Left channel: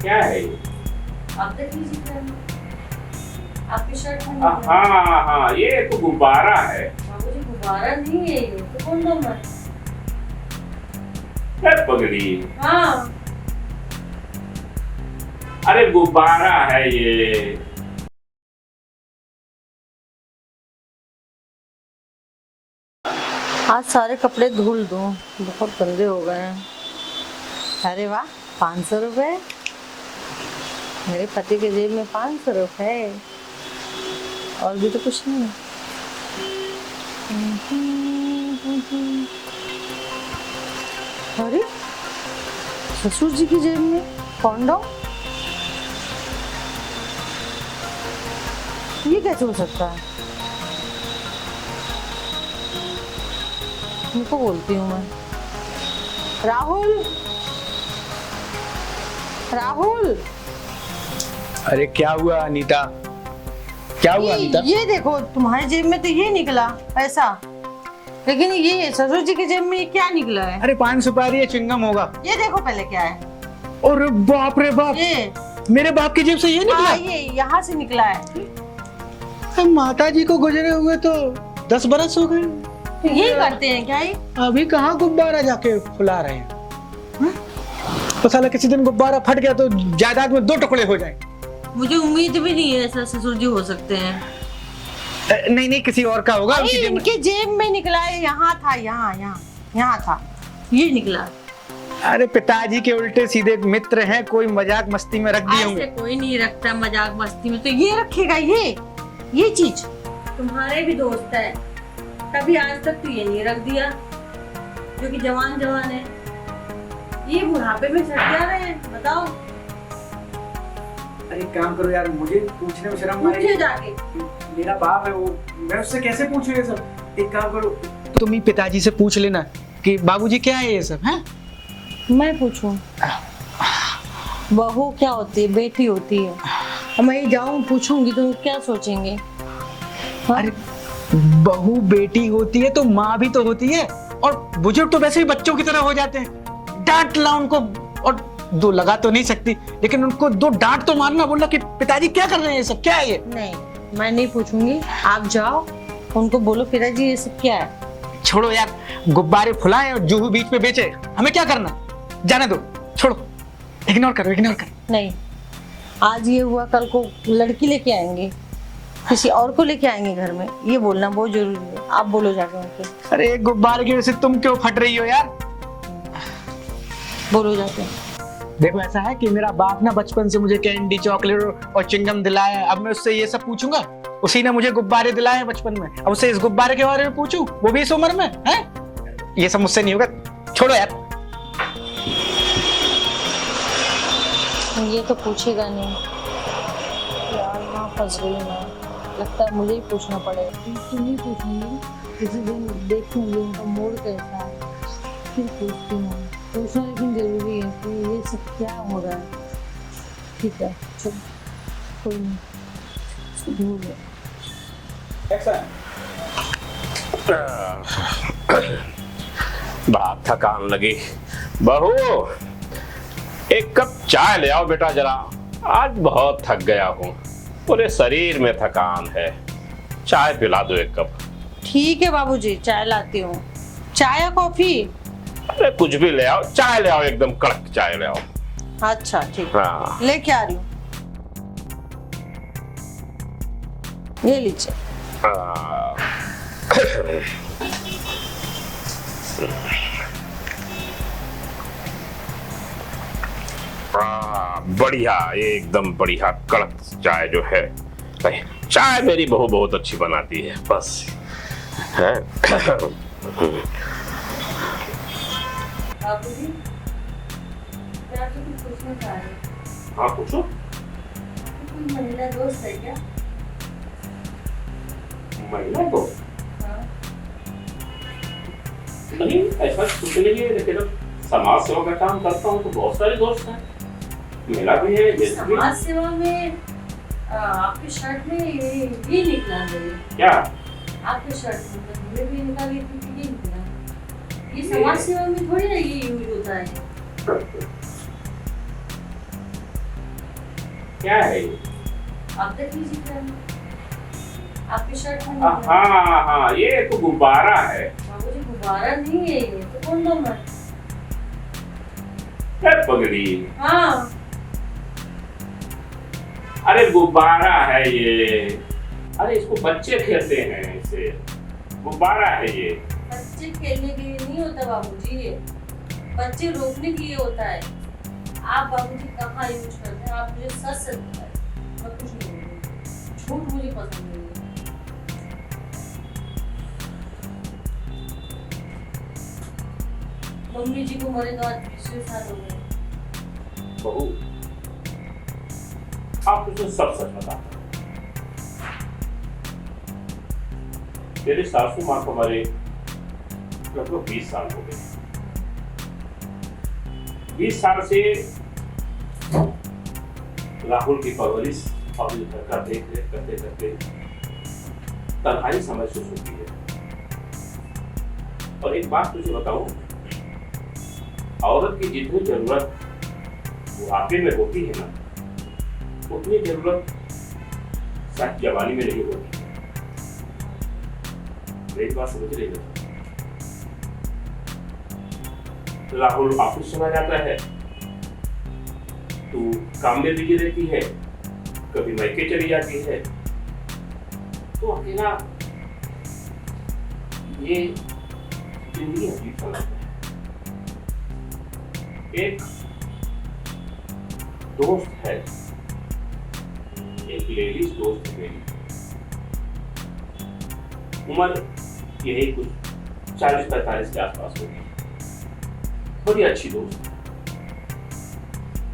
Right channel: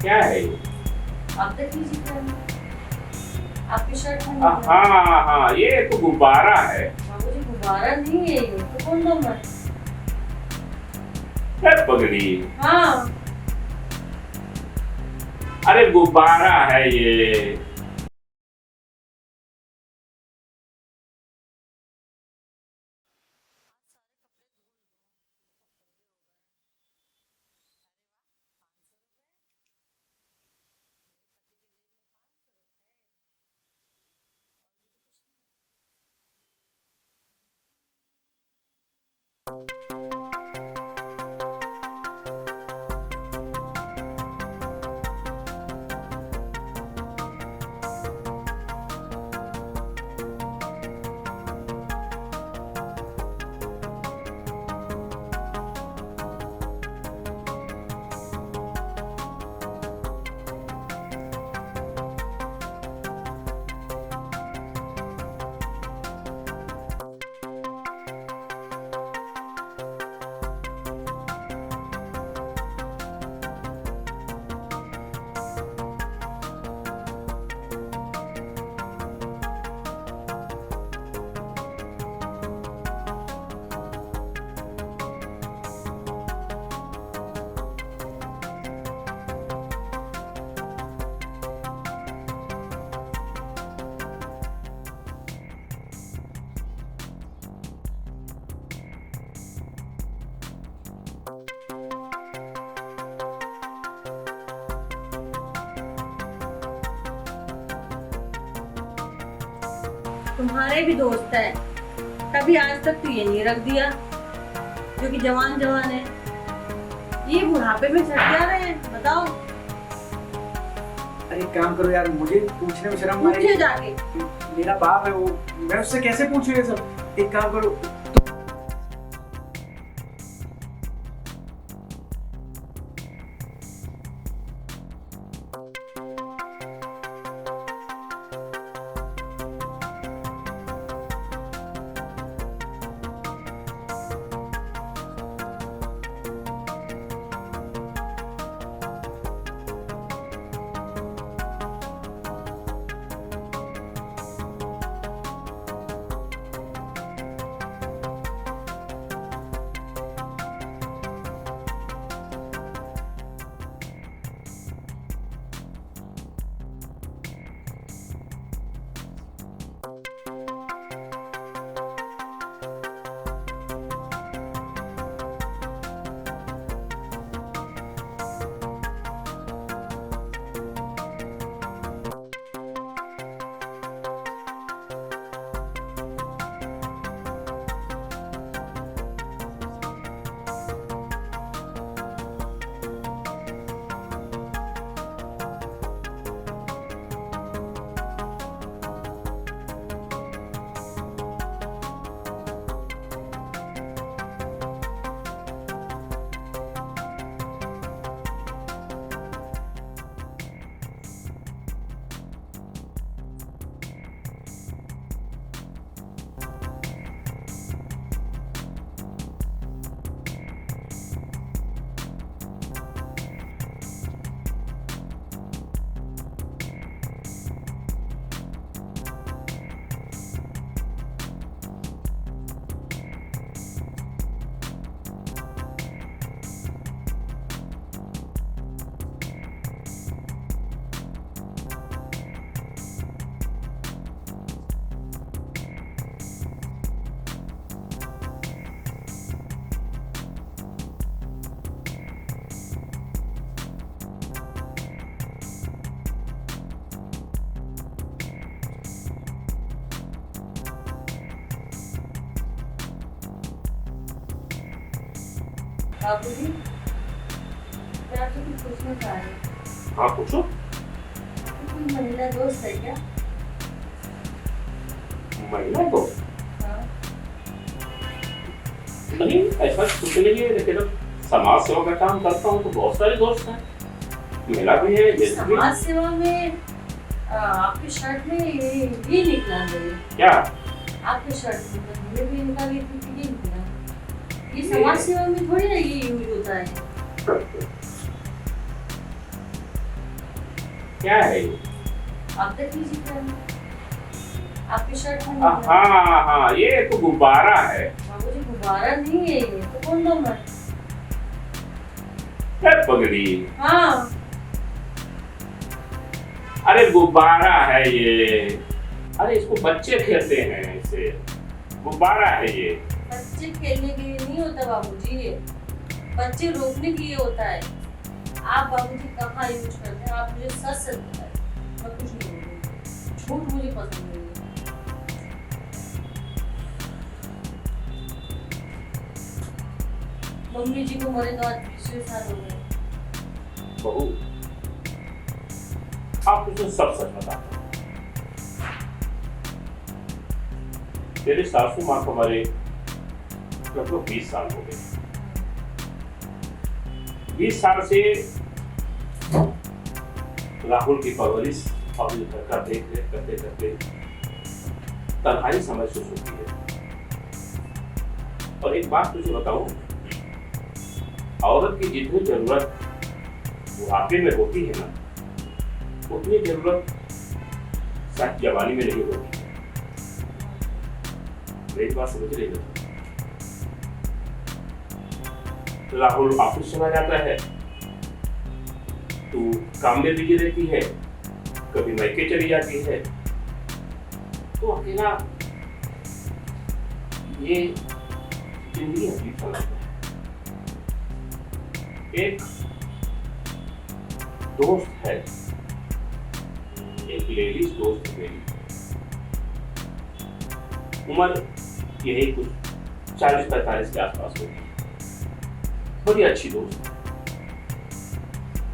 क्या है ये? आप देख लीजिए क्या है। आपकी शर्ट में हाँ हाँ हाँ, ये तो गुब्बारा है। बाबूजी गुब्बारा नहीं है ये तो कौन है? क्या पगड़ी? हाँ अरे गुब्बारा है ये। आज सारे कपड़े धुल दूं, बहुत गंदे हो गए हैं। अरे वाह, 500 रुपए। मेरे पति के जेब में 500 रुपए, और भी तो कुछ नहीं। अरे ससुर जी की जेब में कॉन्डोम, ये कैसे हो सकता है? उनको बोलती हूँ मैं। राहुल, राहुल। अरे क्या हुआ अनीता? क्या हुआ अनीता? ये देखो, तुम्हारी जेब में तो ये निकला पैसा, लेकिन ये ससुर जी की जेब में ये क्या निकला है? अरे 5 सुपारी है, चिंगम होगा। ये देखो पहले क्या है। और बाप रे बाप, ये मेरे बाप की जेब से ये निकला? ये यहाँ से निकला है। माता जी को गुजरे हुए तो 10 बरस हो गए। तो यही करते हैं क्या ये? अभी कहाँ गुब्बारा जाके फुला रहे हैं? तो साला किसी दिन गुब्बारा फट गया तो जायदाद में 2 टुकड़े हो जाए। मुझे उम्मीद भी नहीं है ऐसा ससुर जी हो सकते हैं। नहीं नहीं, किसी और का होगा। इनके जेब में निकला है, यहाँ था, यहाँ था, ये निकला। अरे पिताजी के उल्टे सीधे मित्र हैं, कोई मजाक मस्ती में रख दिए होंगे। ऐसे कोई नहीं रखता मजाक मस्ती में, तो ये रखेगा ये चीज। तुम्हारे भी दोस्त है, कभी आज तक तो ये नहीं रख दिया, जो कि जवान है। ये बुढ़ापे में सट जा रहे हैं, बताओ। अरे काम करो यार, मुझे पूछने में शर्म आ रही पूछिए है। जाके। मेरा बाप है वो, मैं उससे कैसे पूछूं ये सब? एक काम करो, तुम ही पिताजी से पूछ लेना कि बाबूजी क्या है ये सब, हैं? मैं पूछूं? बहू क्या होती है? बेटी होती है। मैं जाऊं पूछूंगी तो क्या सोचेंगे? अरे बहू बेटी होती है तो माँ भी तो होती है, और बुजुर्ग तो वैसे ही बच्चों की तरह हो जाते हैं। डांट ला उनको, और 2 लगा तो नहीं सकती, लेकिन उनको 2 डांट तो मारना, बोलना कि पिताजी क्या कर रहे हैं ये सब, क्या है ये? नहीं, मैं नहीं पूछूंगी। आप जाओ, उनको बोलो पिताजी ये सब क्या है। छोड़ो यार, गुब्बारे फुलाए और जूहू बीच पे बेचे, हमें क्या करना? जाने दो, छोड़ो, इग्नोर करो। नहीं, आज ये हुआ, कल को लड़की लेके आएंगे, किसी और को लेके आएंगे घर में, ये बोलना बहुत जरूरी है। आप बोलो जाके उनको। अरे गुब्बारे की वजह से तुम क्यों फट रही हो यार? बोलो जाके। देखो ऐसा है कि मेरा बाप ना बचपन से मुझे कैंडी, चॉकलेट और चिंगम दिलाया है। अब मैं उससे ये सब पूछूंगा? उसी ने मुझे गुब्बारे दिलाए बचपन में, अब उससे इस गुब्बारे के बारे में पूछूं, वो भी इस उम्र में है? ये सब मुझसे नहीं होगा, छोड़ो यार। ये तो पूछेगा नहीं यार, ना फंस गई मैं। लगता है मुझे ही पूछना पड़ेगा। तुम ही पूछूंगी, किसी दिन देखूंगी उनका मूड कैसा है, फिर पूछती हूँ। पूछना लेकिन जरूरी है कि ये सब क्या हो रहा है। ठीक है, चलो, कोई नहीं, भूल गया। बड़ा थकान लगी। बहू, एक कप चाय ले आओ बेटा जरा, आज बहुत थक गया हूँ, पूरे शरीर में थकान है। चाय पिला दो 1 कप। ठीक है बाबूजी, चाय लाती हूँ। चाय या कॉफी? अरे कुछ भी ले आओ, चाय ले आओ, एकदम कड़क चाय ले आओ। अच्छा ठीक है, हाँ। लेके आ रही हूँ। ये लीजिए। बढ़िया, एकदम बढ़िया कड़क चाय जो है। चाय मेरी बहू बहुत अच्छी बनाती है, बस है। बाबूजी, क्या तो कुछ पूछना चाह रहे हैं? हाँ पूछो। कोई महिला दोस्त है क्या? महिला को? हाँ। नहीं, ऐसा कुछ नहीं है, लेकिन समाज सेवा का काम करता हूँ तो बहुत सारे दोस्त हैं, महिला भी है। समाज सेवा में आपके शर्ट में ये निकला है। क्या? आपके शर्ट में तो मुझे भी निकाली थी कि ये निकला। ये समाज सेवा में थोड़ी ना ये यूज होता है। क्या है ये? आप देख लीजिए क्या है। आपकी शर्ट में हाँ नहीं है। हाँ हाँ, ये तो गुब्बारा है। बाबूजी गुब्बारा नहीं है ये, तो कौन दम है? क्या पगड़ी? हाँ अरे गुब्बारा है ये। अरे इसको बच्चे खेलते हैं, इसे गुब्बारा है ये। बच्चे खेलने के लिए नहीं होता बाबूजी, ये बच्चे रोकने के लिए होता है। आप बाबूजी कहाँ यूज करते हैं? आप मुझे सच सच बताएं, मैं कुछ नहीं बोलूँगी। झूठ मुझे पसंद नहीं है। मम्मी जी को मरे तो आज 20 साल हो गए। बहू, आप मुझे सब सच बताते हैं। मेरे सासू माँ को मरे लगभग 20 साल हो गए। 20 साल से राहुल की परवरिश और घर का देख रेख करते करते तन्हाई समझ से होती है। और एक बात तुझे बताऊं, औरत की जितनी जरूरत बुढ़ापे में होती है ना, उतनी जरूरत शायद जवानी में नहीं होती। मेरी बात समझ रही हो? राहुल ऑफिस चला जाता है, तू काम में बिजी रहती है, कभी मायके चली जाती है, तो अकेला ये जिंदगी अजीब सा लगता है। एक दोस्त है, एक लेडीज दोस्त है मेरी, उम्र यही कुछ 40-45 के आसपास होगी। बड़ी अच्छी दोस्त है,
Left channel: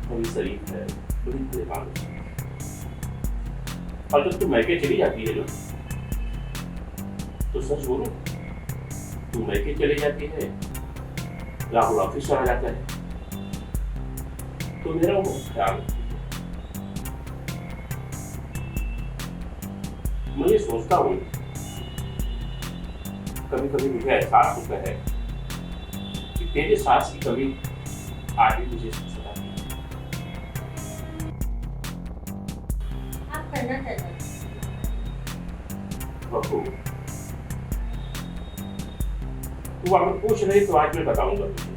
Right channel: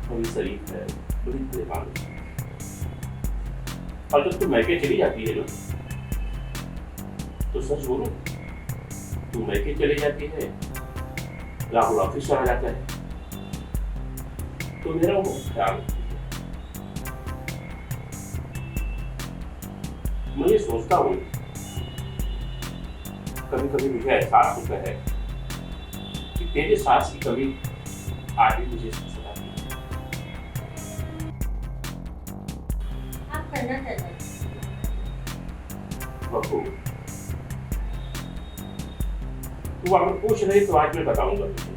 बड़ी शरीफ है, बड़ी परेशान है। और जब तू मैके चली जाती है ना, तो सच बोलो, तू मैके चली जाती है, राहुल ऑफिस चला जाता है, तो मेरा वो ख्याल रखती है। मैं ये सोचता हूँ, कभी कभी मुझे एहसास होता है कि तेरे सास की कमी आज भी मुझे सताती है। आप करना क्या चाहते हैं? बहू, तू अगर पूछ रही तो आज मैं बताऊंगा तुझे।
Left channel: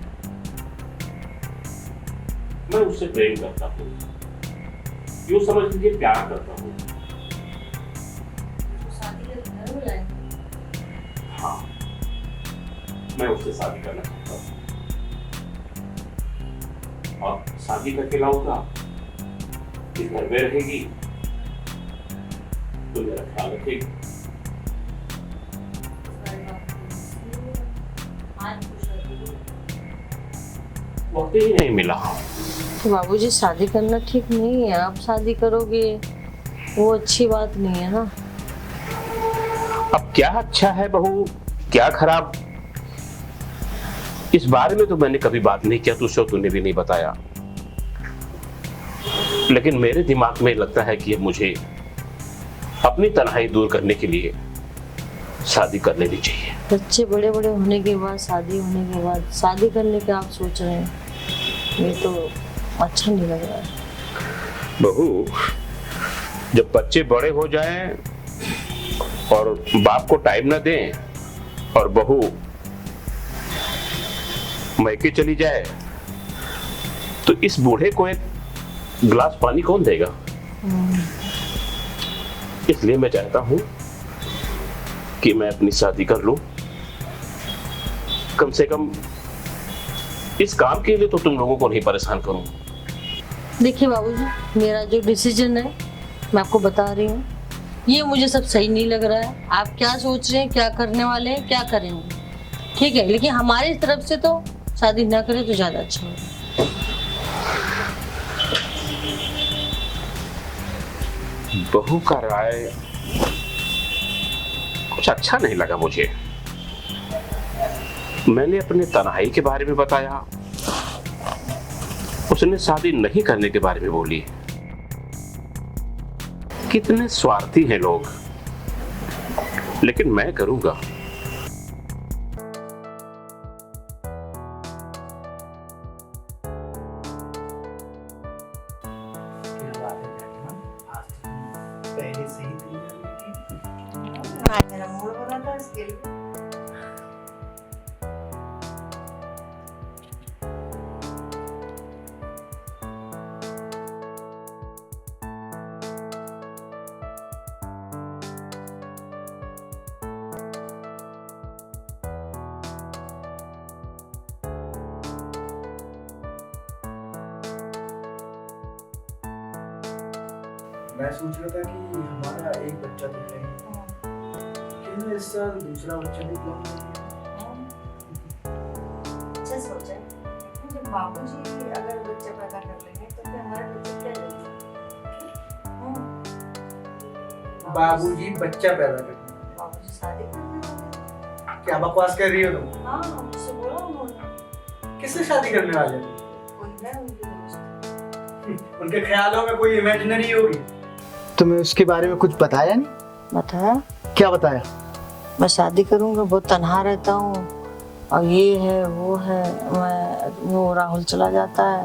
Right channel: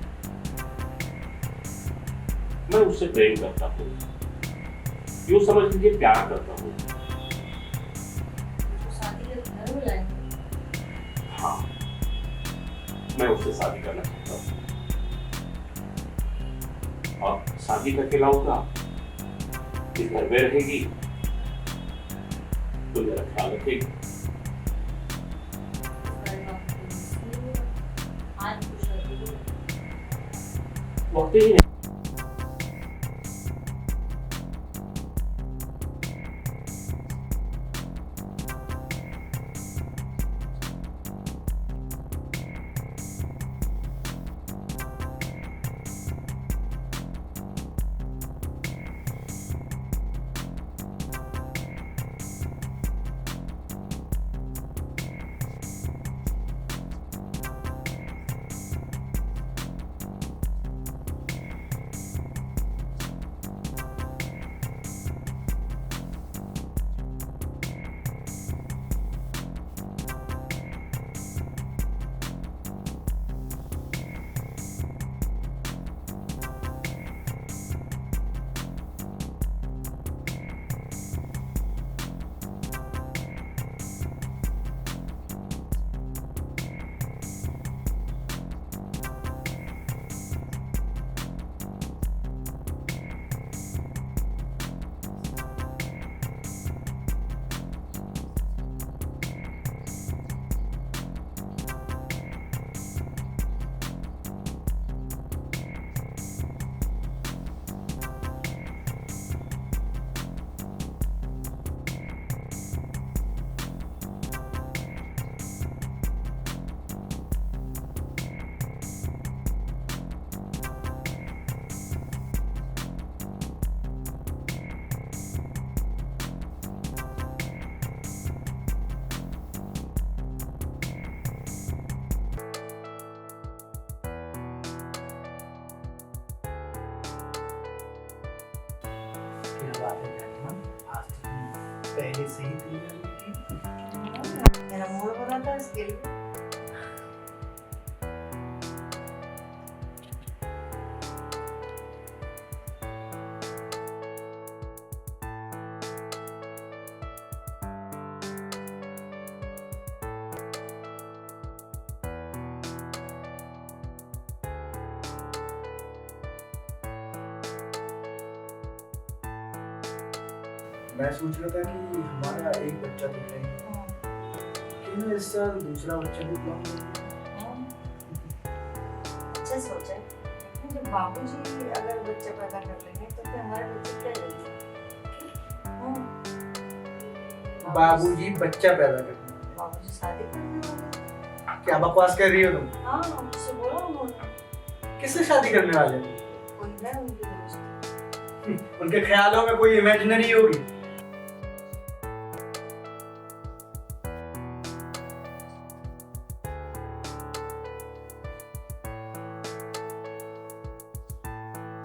मैं उससे प्रेम करता हूँ, यूं समझ लीजिए प्यार करता हूँ। तो शादी के घर बुलाएंगे। हाँ, मैं उससे शादी करना चाहता हूँ, और शादी करके लाऊंगा, इस घर में रहेगी तो मेरा ख्याल रखेगी। आज कुछ नहीं। वक्त ही नहीं मिला। तो बाबूजी शादी करना ठीक नहीं है। आप शादी करोगे वो अच्छी बात नहीं है ना। अब क्या अच्छा है बहू, क्या खराब, इस बारे में तो मैंने कभी बात नहीं किया तुझसे, तूने भी नहीं बताया। लेकिन मेरे दिमाग में लगता है कि मुझे अपनी तन्हाई दूर करने के लिए शादी कर लेनी चाहिए। बच्चे बड़े बड़े होने के बाद, शादी होने के बाद शादी करने का आप सोच रहे हैं, ये तो अच्छा नहीं लग रहा है। बहू, जब बच्चे बड़े हो जाएं और बाप को टाइम ना दें और बहू मैके चली जाए, तो इस बूढ़े को एक गिलास पानी कौन देगा? इसलिए मैं चाहता हूं कि मैं अपनी शादी कर लूं। कम से कम इस काम के लिए तो तुम लोगों को नहीं परेशान करूं। देखिए बाबूजी, मेरा जो डिसीजन है मैं आपको बता रही हूँ, ये मुझे सब सही नहीं लग रहा है। आप क्या सोच रहे हैं, क्या करने वाले हैं, क्या करेंगे, ठीक है, लेकिन हमारी तरफ से तो शादी ना करें तो ज्यादा अच्छा है। बहू का राय कुछ अच्छा नहीं लगा मुझे। मैंने अपने तन्हाई के बारे में बताया, उसने शादी नहीं करने के बारे में बोली। कितने स्वार्थी हैं लोग, लेकिन मैं करूंगा। क्या बात है पहले से ही तैयारी थी। हाँ, मेरा मूड बना था इसके लिए। मैं सोच रहा था कि हमारा एक बच्चा तो है, क्यों इस साल दूसरा बच्चा भी प्लान अच्छा सोचा है। लेकिन जब बाबूजी अगर बच्चा पैदा कर लेंगे तो फिर हमारे बच्चे क्या करेंगे? बाबूजी बच्चा पैदा करना। बाबूजी शादी करने वाले क्या बकवास कर रही हो तुम? हैं। हाँ, मुझसे बोला उन्होंने। किससे शादी करने वाले हो? कोई है उनकी दोस्त। उनके ख्यालों में कोई इमेजिनरी होगी। तुम्हें उसके बारे में कुछ बताया नहीं? बताया क्या बताया? मैं शादी करूंगा, बहुत तन्हा रहता हूँ और ये है वो है। वो राहुल चला जाता है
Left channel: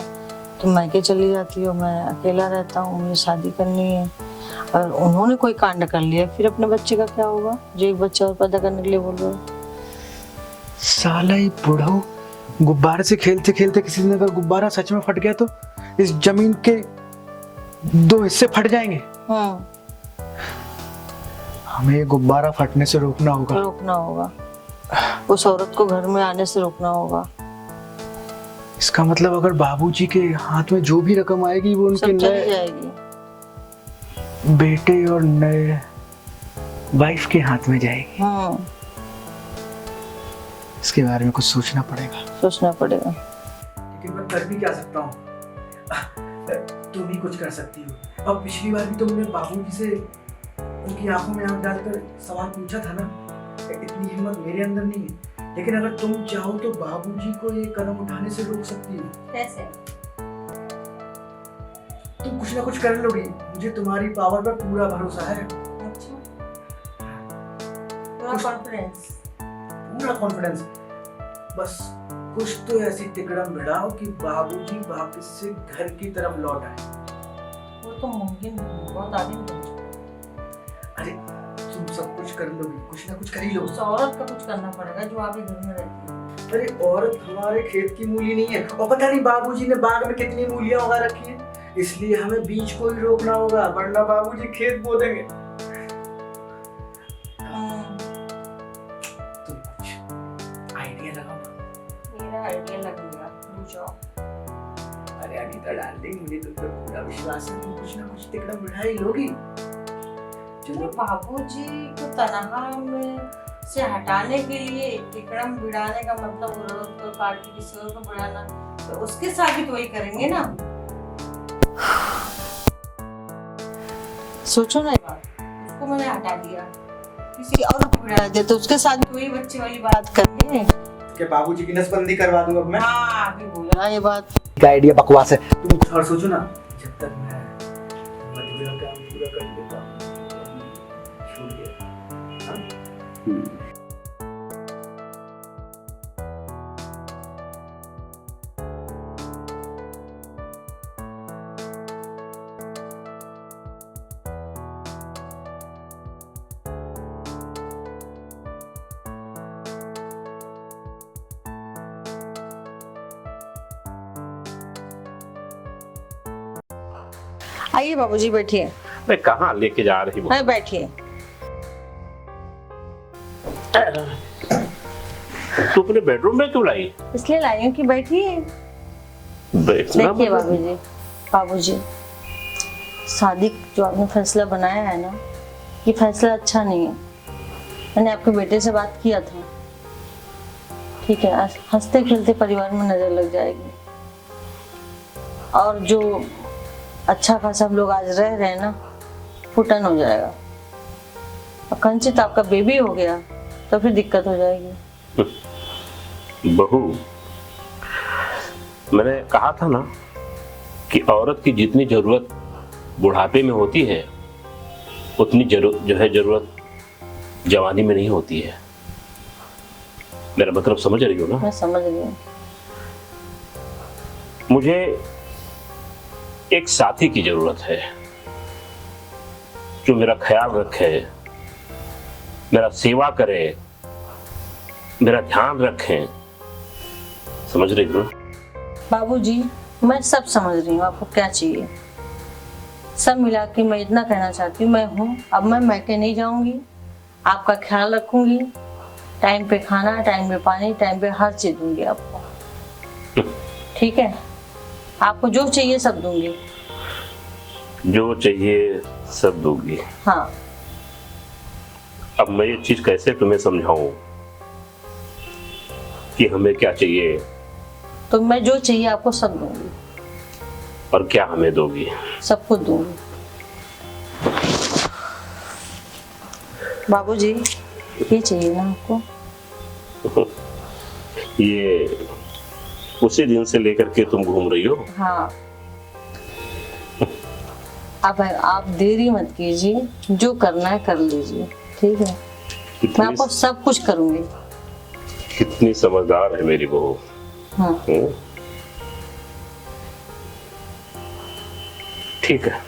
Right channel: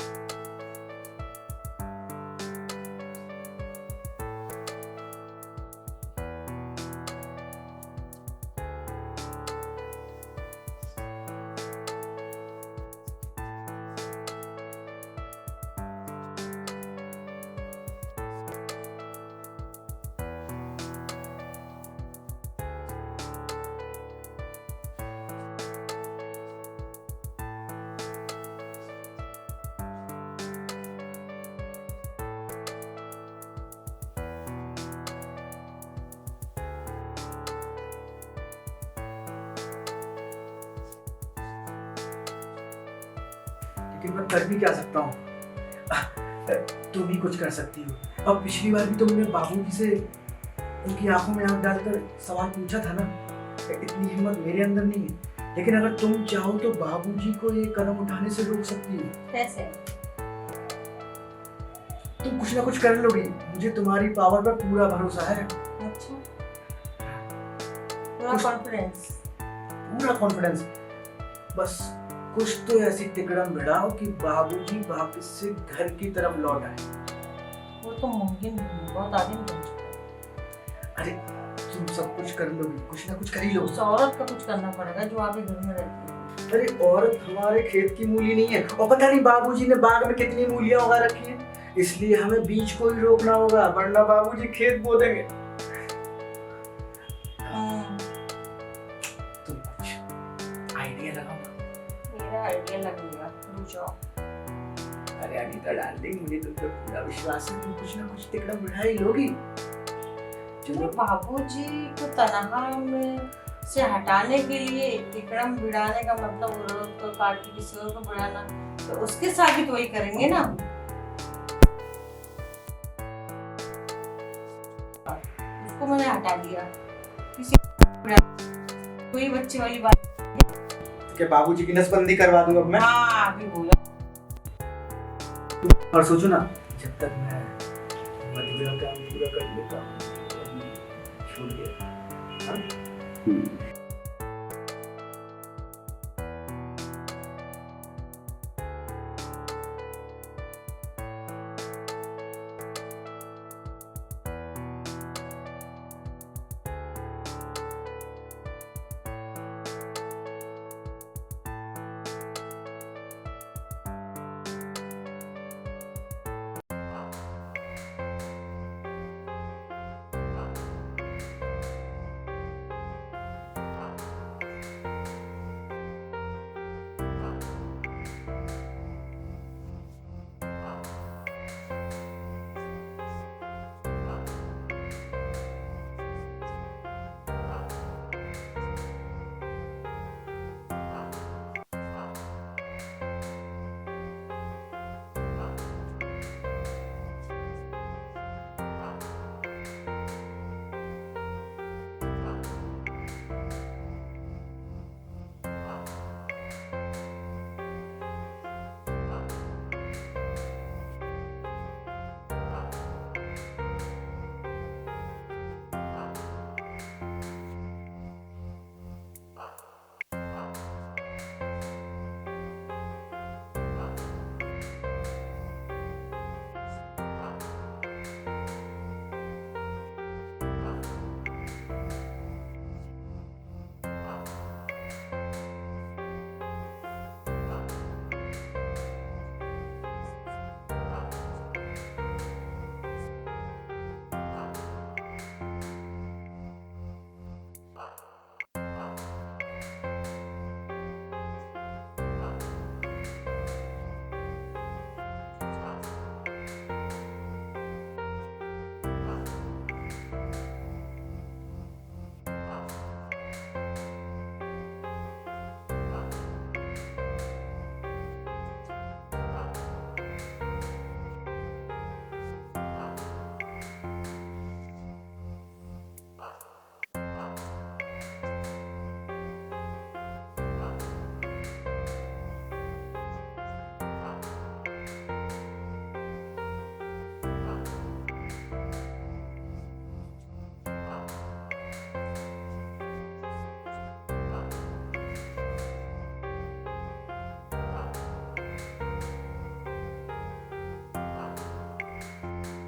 तो मैके चली जाती हूँ, मैं अकेला रहता हूँ, मुझे शादी करनी है। और उन्होंने कोई कांड कर लिया, फिर अपने बच्चे का क्या होगा जो एक बच्चा और पैदा करने के लिए बोल रहे हो? साला ये बुढ़ो गुब्बारे से खेलते खेलते किसी दिन अगर गुब्बारा सच में फट गया तो इस जमीन के 2 हिस्से फट जाएंगे। हमें ये गुब्बारा फटने से रोकना होगा। रोकना होगा, उस औरत को घर में आने से रोकना होगा। इसका मतलब अगर बाबूजी के हाथ में जो भी रकम आएगी वो उनके सब चली नए जाएगी। बेटे और नए वाइफ के हाथ में जाएगी। इसके बारे में कुछ सोचना पड़ेगा। सोचना पड़ेगा। लेकिन मैं कर भी क्या सकता हूँ? तुम ही कुछ कर सकती हो। अब पिछली बार भी तुमने बाबूजी से उनकी आंखों में आंख डालकर सवाल पूछा था ना। इतनी हिम्मत मेरे अंदर नहीं है, लेकिन अगर तुम चाहो तो बाबूजी को ये कदम उठाने से रोक सकती हो। कैसे? तुम कुछ ना कुछ कर लोगी, मुझे तुम्हारी पावर पर पूरा भरोसा है। अच्छा, पूरा कॉन्फिडेंस। पूरा कॉन्फिडेंस। बस कुछ तो ऐसी तिकड़म भिड़ाओ कि बाबूजी वापस से घर की तरफ लौट आए। वो तो मुमकिन नहीं, बहुत आदमी बन चुका है। अरे तुम सब कुछ कर लोगी, कुछ ना कुछ कर ही लो। उस औरत का कुछ करना पड़ेगा जो आपके घर में रहती है। अरे औरत हमारे खेत की मूली नहीं है, और पता नहीं बाबूजी ने बाग में कितनी मूलियां उगा रखी हैं, इसलिए हमें बीज को ही रोकना होगा, वरना बाबूजी खेत बो देंगे। तुम कुछ आइडिया लगाओ। मेरा आइडिया लग गया, रुक जाओ। अरे अनीता डार्लिंग, मुझे तुम पर पूरा विश्वास है, तुम कुछ ना कुछ तिकड़म भिड़ा ही लोगी। चलो, बाबूजी को तनहा में से हटाने के लिए तिकड़म भिड़ाने का मतलब औरत को काट के किसी और को भिड़ाना, तो उसके साथ भी तो वही करेंगे ना। सोचो ना यार, उसको मैंने हटा दिया, किसी और को भिड़ा दिया, तो उसके साथ भी वही बच्चे वाली बात करेंगे। क्या बाबूजी की नसबंदी करवा दूंगा अब मैं? हाँ, अभी बोला ये बात। का आइडिया बकवास है। तुम कुछ और सोचो ना। जब तक मैं मधुरा का काम पूरा कर लेता हूँ, छूट गया। हाँ? आइए बाबूजी, बैठिए। मैं कहाँ लेके जा रही हूँ? हाँ, बैठिए। तू अपने बेडरूम में क्यों लाई? इसलिए लाई हूँ कि बैठिए। बैठना देखिए मतलब? बाबूजी, शादी जो आपने फैसला बनाया है ना, ये फैसला अच्छा नहीं है। मैंने आपके बेटे से बात किया था, ठीक है? हंसते खेलते परिवार में नजर लग जाएगी, और जो अच्छा खासा लोग आज रह रहे हैं ना, फुटन हो जाएगा। और कंचित आपका बेबी हो गया तो फिर दिक्कत हो जाएगी। बहू, मैंने कहा था ना कि औरत की जितनी जरूरत बुढ़ापे में होती है, उतनी जरूरत जवानी में नहीं होती है। मेरा मतलब समझ रही हो ना? मैं समझ रही हूँ। मुझे एक साथी की जरूरत है, जो मेरा ख्याल रखे, मेरा सेवा करे, मेरा ध्यान रखें। समझ रही हो? बाबूजी मैं सब समझ रही हूँ आपको क्या चाहिए। सब मिला के मैं इतना कहना चाहती हूँ, मैं हूँ अब मैं मैके नहीं जाऊंगी, आपका ख्याल रखूंगी, टाइम पे खाना, टाइम पे पानी, टाइम पे हर चीज दूंगी आपको। ठीक है? आपको जो चाहिए सब दूंगी। जो चाहिए सब दूंगी। हाँ। अब मैं ये चीज कैसे तुम्हें समझाऊं कि हमें क्या चाहिए? तो मैं जो चाहिए आपको सब दूंगी। और क्या हमें दोगी? सब कुछ दूंगी। बाबूजी ये चाहिए ना आपको? ये उसी दिन से लेकर के तुम घूम रही हो? हाँ। अब आप देरी मत कीजिए, जो करना है कर लीजिए। ठीक है? मैं आपको सब कुछ करूंगी। कितनी समझदार है मेरी बहू। हाँ। ठीक है।